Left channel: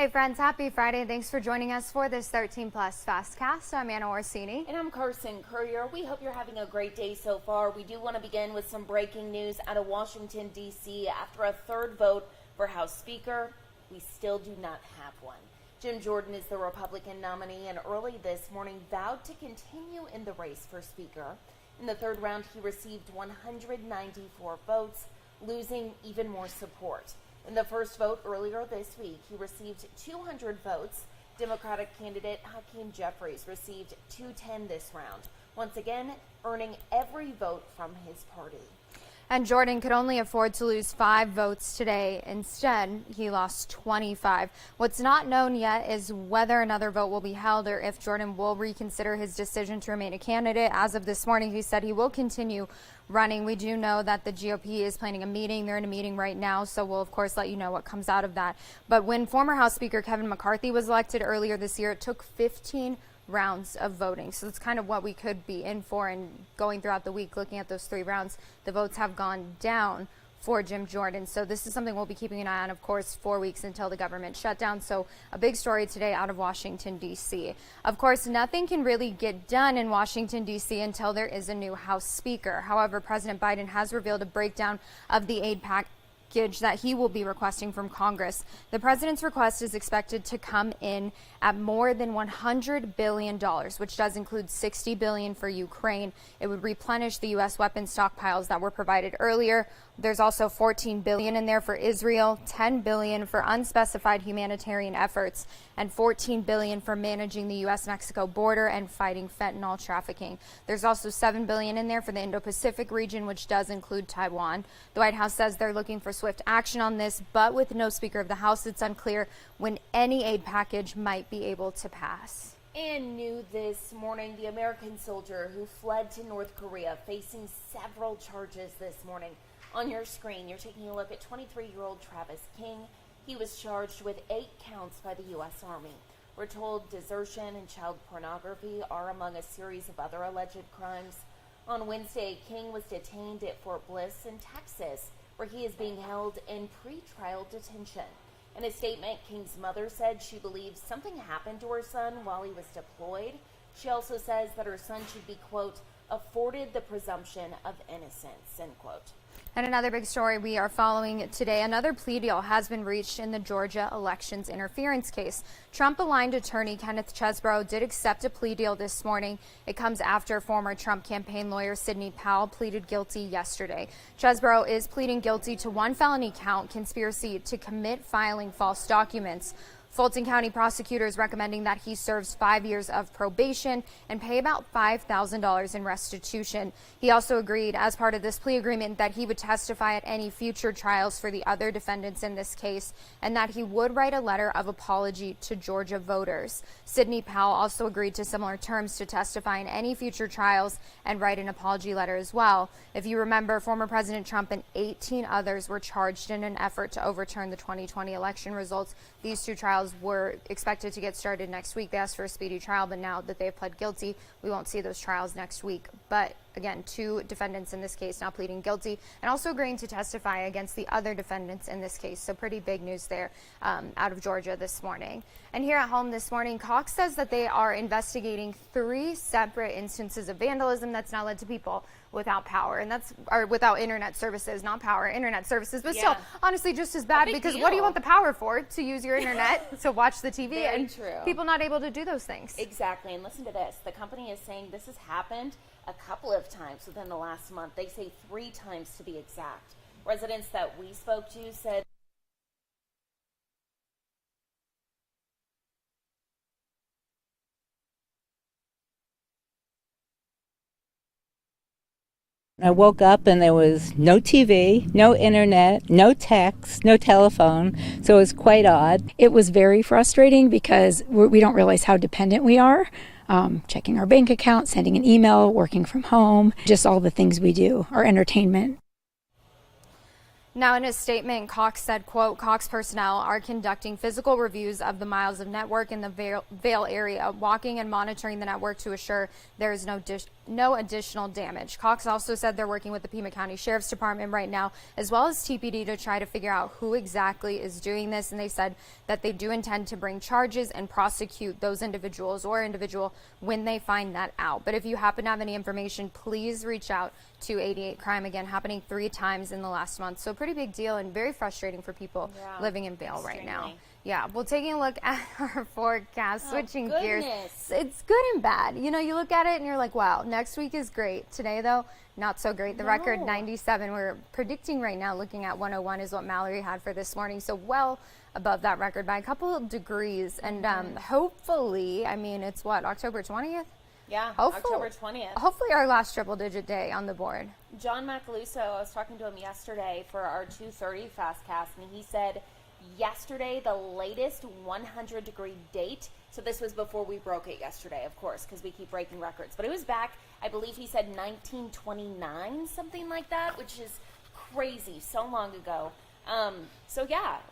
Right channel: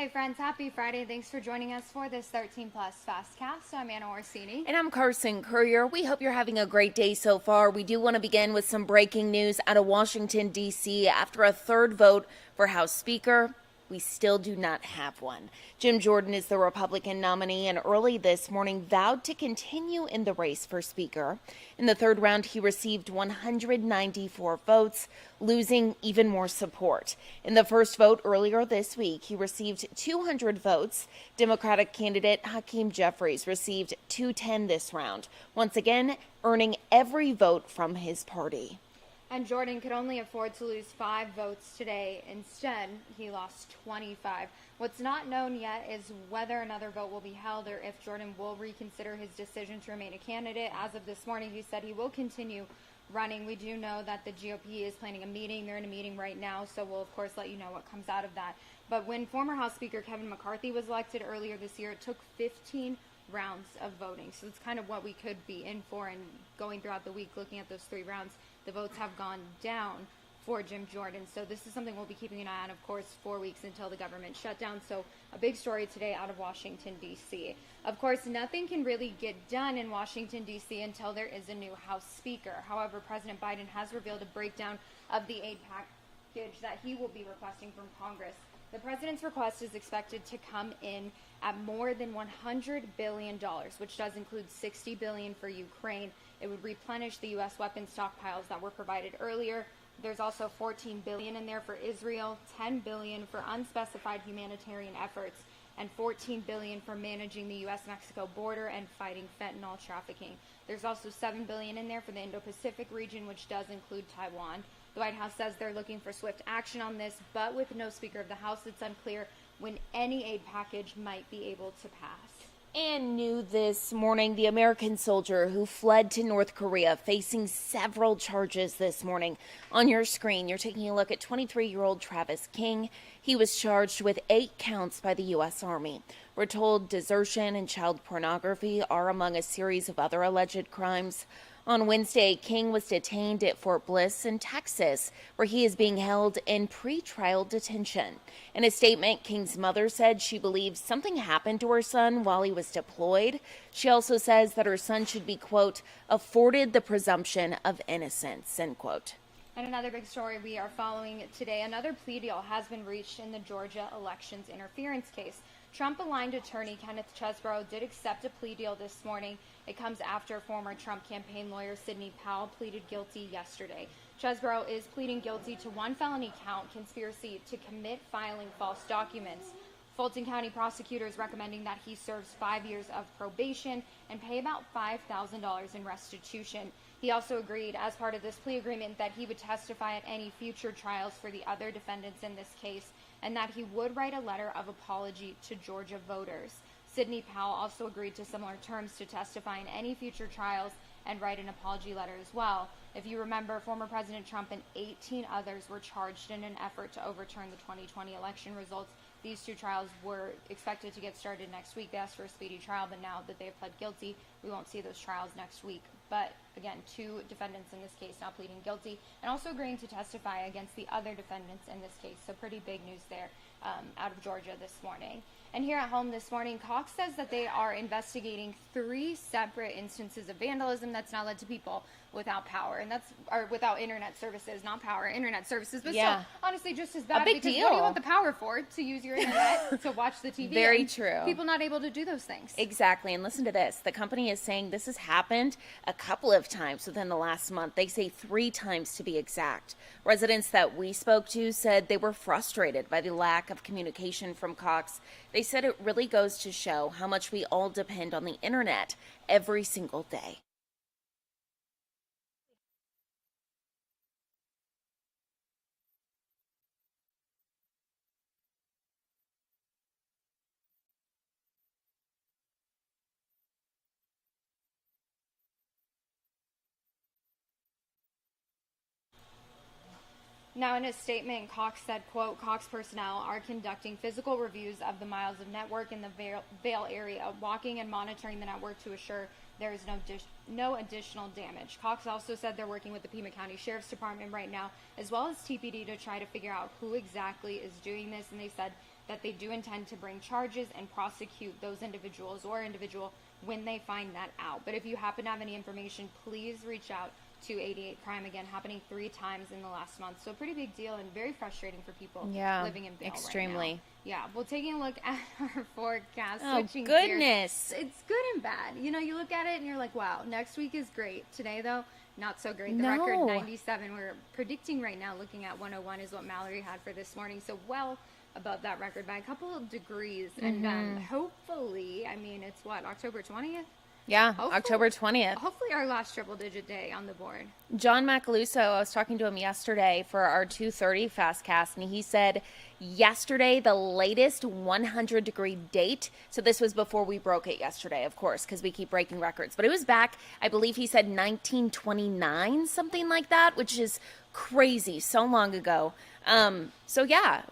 Hey friends, happy Friday. Thanks for joining us for this 13 Plus FastCast. I'm Anna Orsini. And I'm Carson Courier. We hope you're having a great day so far. We do want to begin with some breaking news out of Washington, D.C. After a third vote for House Speaker, we still do not have one. Jim Jordan is the Republican nominee and early this morning vowed to continue in the race for Speaker. In the third round, he received 194 votes, losing even more support. In the first vote earlier this week, he received 200 votes. Democratic candidate Hakeem Jeffries received 210 this round, once again earning every vote from his party. And Jordan could only afford to lose 5 votes today. Instead, he lost 25. What's not known yet is whether another vote will be held or if Jordan will reconsider his decision to remain a candidate. As of this morning, he said he will continue running. We do know that the GOP is planning a meeting. They're in a meeting right now, so we'll, of course, let you know what comes out of that. But when former House Speaker Kevin McCarthy was elected earlier this year, it took 15 rounds of voting. So that's kind of what we could be in for, and going throughout the week, looking at those 3 rounds, the votes have gone down for Jim Jordan. So this is something we'll be keeping an eye on, of course, 4 weeks until the government shutdown. So a big story today out of Washington, D.C. Of course, nothing can really get done in Washington, D.C. until there is a new House Speaker. However, President Biden has revealed a breakdown of the aid package that he will be requesting from Congress. The president's request is expected to come in at more than $100 billion, which does include $60 billion for Ukraine. It would replenish the U.S. weapons stockpiles that were provided earlier. There's also $14 billion in there for Israel, $10 billion for unspecified humanitarian efforts, and $14 billion for managing the U.S.-Mexico border and fighting fentanyl trafficking. There's also $7 billion in there for the Indo-Pacific region, which does include Taiwan. The White House says they're looking for swift action on this, but with no Speaker of the House, it's unclear when any aid package might be able to pass. And new this morning, the American soldier who fled to North Korea facing several charges this morning. On your screen, you're taking a look at 23-year-old Travis King. He was charged with 8 counts by the U.S. Army. We're told desertion and child pornography are among a series of other alleged crimes. On Wednesday, King was detained at Fort Bliss in Texas, where he is being held in pretrial detention. In a statement, King's mother said she believes something happened to her son while he was deployed. She also says that her son should be, quote, afforded the presumption of innocence, end quote. And another big story we are following today, another plea deal has been reached in the Georgia elections interference case. Trump-aligned attorney Kenneth Chesebro did accept a plea deal this morning. It comes after former Trump campaign lawyer Sidney Powell pleaded guilty yesterday. Chesebro is pleading guilty to 1 felony count, conspiracy to commit filing false documents. Fulton County prosecutors recommending that he serves 5 years of probation and pay about $5,000 in restitution. He also agreed, as part of this plea agreement, that he would testify at any future trials for the other defendants in this case, and that he would write a letter of apology to Georgia voters. Sidney Powell also agreed to similar terms to testify in any future trials and write an apology letter as well. If you remember, former President Trump and 18 others were charged in an effort to overturn the 2020 election results. These 2 trials were expected to get started next week. They asked for a speedy trial, but now that they've pled guilty, we won't see those trials next week. But again, 2 defendants in this case now pleading guilty and also agreeing to testify against the other defendants in this case. So pretty big news there out of Georgia this morning. And here at home this morning, Cox says that they are investigating 3 separate instances of vandalism that's now led to people without power, and that's without internet services, not power, internet services, but still honestly just as bad, because what do you want the power for? To use your internet to watch the TV. Very true. People not able to do those things. Exactly. And listen to this. The company is saying this has happened a couple of times within the last month. They say 3 times to be exact. Residents that we spoke to said they were frustrated by the lack of communication from Cox. They said it really goes to show how much we all depend on the internet every single day. I woke up and there was no TV, no internet, no text, no telephone, so it was quite odd. It was very frustrating because we don't realize how dependent we are. Checking our bank account, sending an email, working from home, just all the things we do, our entertainment. Now, in a statement, Cox said, quote, Cox personnel are conducting physical reviews of the miles of network in the Vail area, walking and monitoring the network to assure there is no additional damage. Cox also said they're working with the Pima County Sheriff's Department right now, as well as TPD, to try to figure out who exactly is doing this. And they said that they do intend to bring charges and prosecute those individuals or individual when they find that out. But if you happen to have any information, please reach out to 88 Crime, again happening 3 times in the last month. So pretty big deal and very frustrating for people living in Vail right now. Yeah, well, taking a look at our forecast, switching gears. It's good and bad. You know, you look at it and you're like, wow, next week is great. Today, though, not so great. The record 97. We're predicting right now, looking at 101 is what Mallory had for this morning. So well above that record by a couple of degrees. And hopefully, I mean, it's what, October 20th? Yeah, October 20th. Hopefully our last triple-digit day on the board. John Macaluso, I was talking to him yesterday for our 2:30 FastCast, and he said yesterday the latest 100-degree date, so this was before we broke it yesterday, of course, because we keep breaking records, but it was back, I believe he said 1929, something like that, which is crazy, so long ago. So yeah,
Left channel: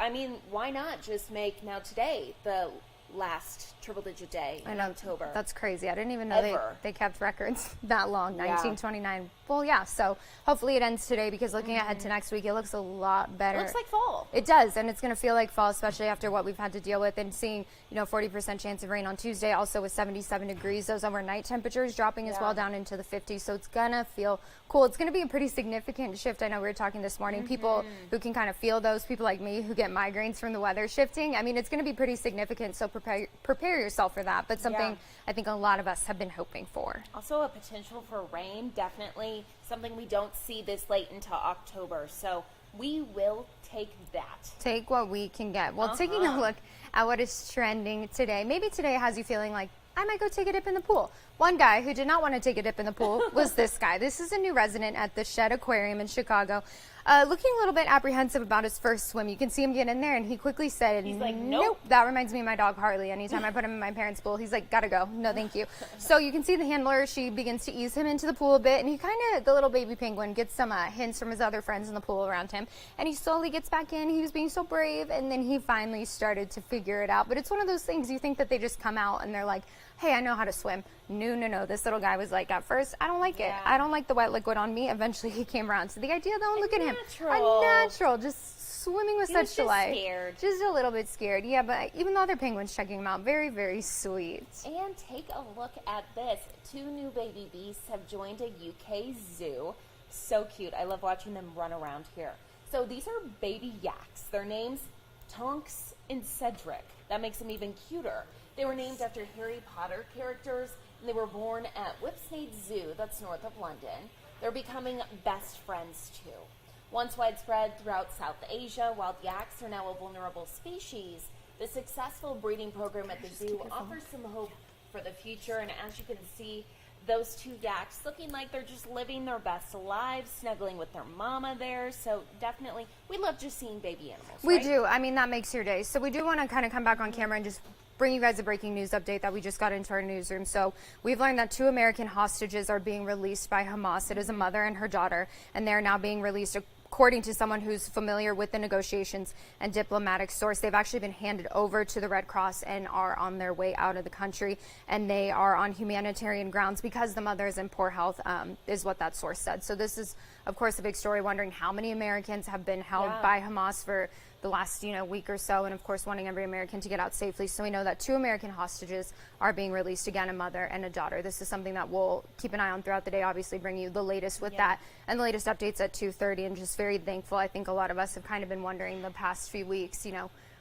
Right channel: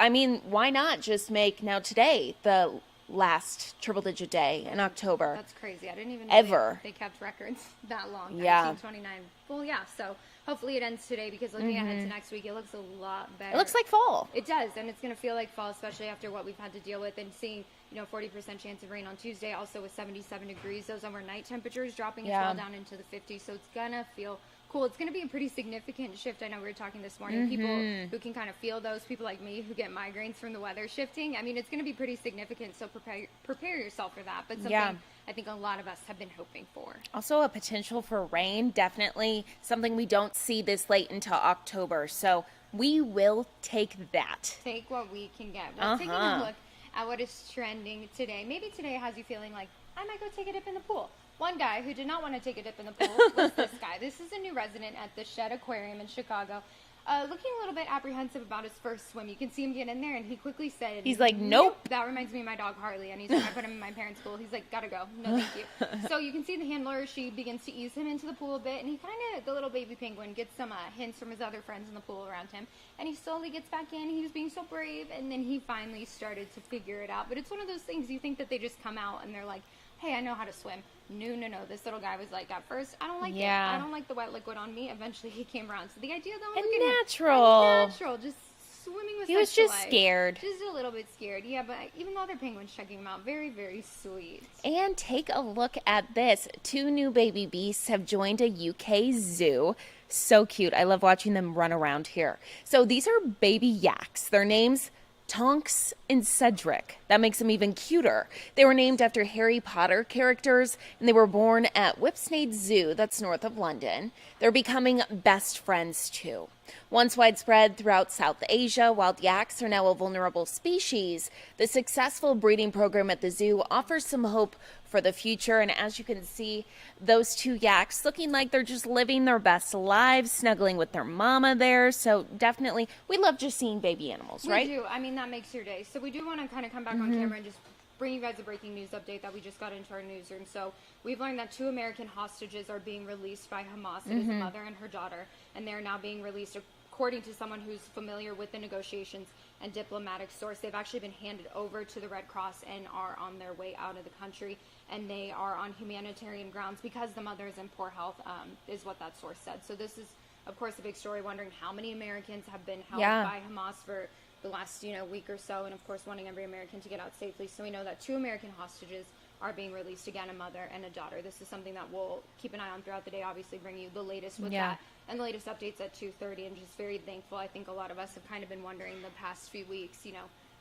I mean, why not just make now today the last triple-digit day in October? That's crazy. I didn't even know they kept records that long. 1929. Well, yeah. So hopefully it ends today, because looking ahead to next week, it looks a lot better. It looks like fall. It does, and it's going to feel like fall, especially after what we've had to deal with, and seeing 40% chance of rain on Tuesday, also with 77 degrees. Those overnight temperatures dropping as well down into the 50s. So it's gonna feel cool. It's gonna be a pretty significant shift. I know we were talking this morning. People who can kind of feel those, people like me who get migraines from the weather shifting. I mean, it's gonna be pretty significant. So prepare yourself for that. But something I think a lot of us have been hoping for. Also a potential for rain. Definitely something we don't see this late into October. So we will take that. Take what we can get. Well, taking a look at what is trending today. Maybe today has you feeling like, I might go take a dip in the pool. One guy who did not want to take a dip in the pool was this guy. This is a new resident at the Shed Aquarium in Chicago. Looking a little bit apprehensive about his first swim. You can see him get in there, and he quickly said, he's like, nope. That reminds me of my dog Harley. Anytime I put him in my parents' pool, he's like, gotta go. No, thank you. So you can see the handler, she begins to ease him into the pool a bit, and he kind of, the little baby penguin, gets some hints from his other friends in the pool around him, and he slowly gets back in. He was being so brave, and then he finally started to figure it out. But it's one of those things, you think that they just come out and they're like, hey, I know how to swim. No. This little guy was like, at first, I don't like it. I don't like the wet liquid on me. Eventually, he came around to the idea, though, look at him. Natural. Just swimming with such delight. He was just scared. Just a little bit scared. Yeah, but even the other penguins checking him out, very, very sweet. And take a look at this. 2 new baby beasts have joined a UK zoo. So cute. I love watching them run around here. So these are baby yaks. Their names, Tonks and Cedric. That makes them even cuter. They were named after Harry Potter characters, and they were born at Whipsnade Zoo, that's north of London. They're becoming best friends too. Once widespread throughout South Asia, wild yaks are now a vulnerable species. The successful breeding program at the zoo offers some hope for the future, and as you can see, those 2 yaks looking like they're just living their best lives, snuggling with their mama there. So definitely, we love just seeing baby animals, right? We do. I mean, that makes your day. So we do want to kind of come back on camera and just bring you guys a breaking news update that we just got into our newsroom. So we've learned that 2 American hostages are being released by Hamas. It is a mother and her daughter, and they're now being released. According to someone who's familiar with the negotiations and diplomatic source, they've actually been handed over to the Red Cross and are on their way out of the country. And they are on humanitarian grounds because the mother is in poor health, is what that source said. So this is, of course, a big story, wondering how many Americans have been held by Hamas for the last week or so, and of course wanting every American to get out safely. So we know that 2 American hostages are being released, again, a mother and a daughter. This is something that we'll keep an eye on throughout the day, obviously bring you the latest with that and the latest updates at 2:30, and just very thankful. I think a lot of us have kind of been wondering the past few weeks,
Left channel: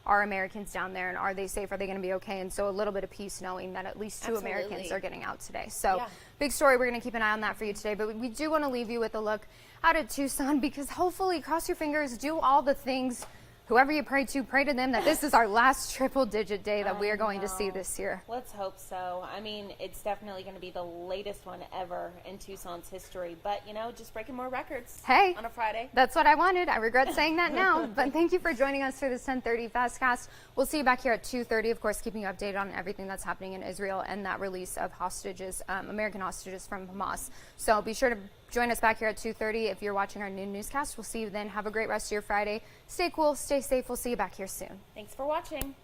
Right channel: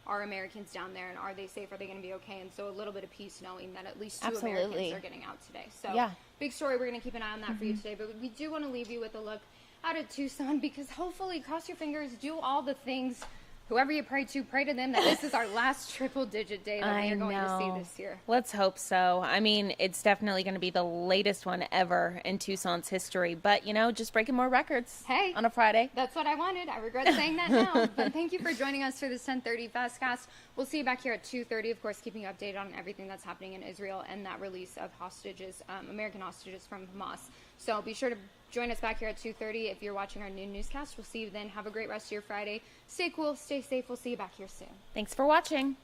are Americans down there and are they safe? Are they going to be okay? And so a little bit of peace knowing that at least 2 Americans are getting out today. So big story. We're going to keep an eye on that for you today, but we do want to leave you with a look out at Tucson, because hopefully, cross your fingers, do all the things. Whoever you pray to them that this is our last triple-digit day that we are going to see this year. Let's hope so. I mean, it's definitely going to be the latest one ever in Tucson's history. But, just breaking more records on a Friday. That's what I wanted. I regret saying that now. But thank you for joining us for this 10:30 FastCast. We'll see you back here at 2:30, of course, keeping you updated on everything that's happening in Israel and that release of hostages, American hostages from Hamas. So be sure to Join us back here at 2:30 if you're watching our noon newscast. We'll see you then. Have a great rest of your Friday. Stay cool, stay safe. We'll see you back here soon. Thanks for watching.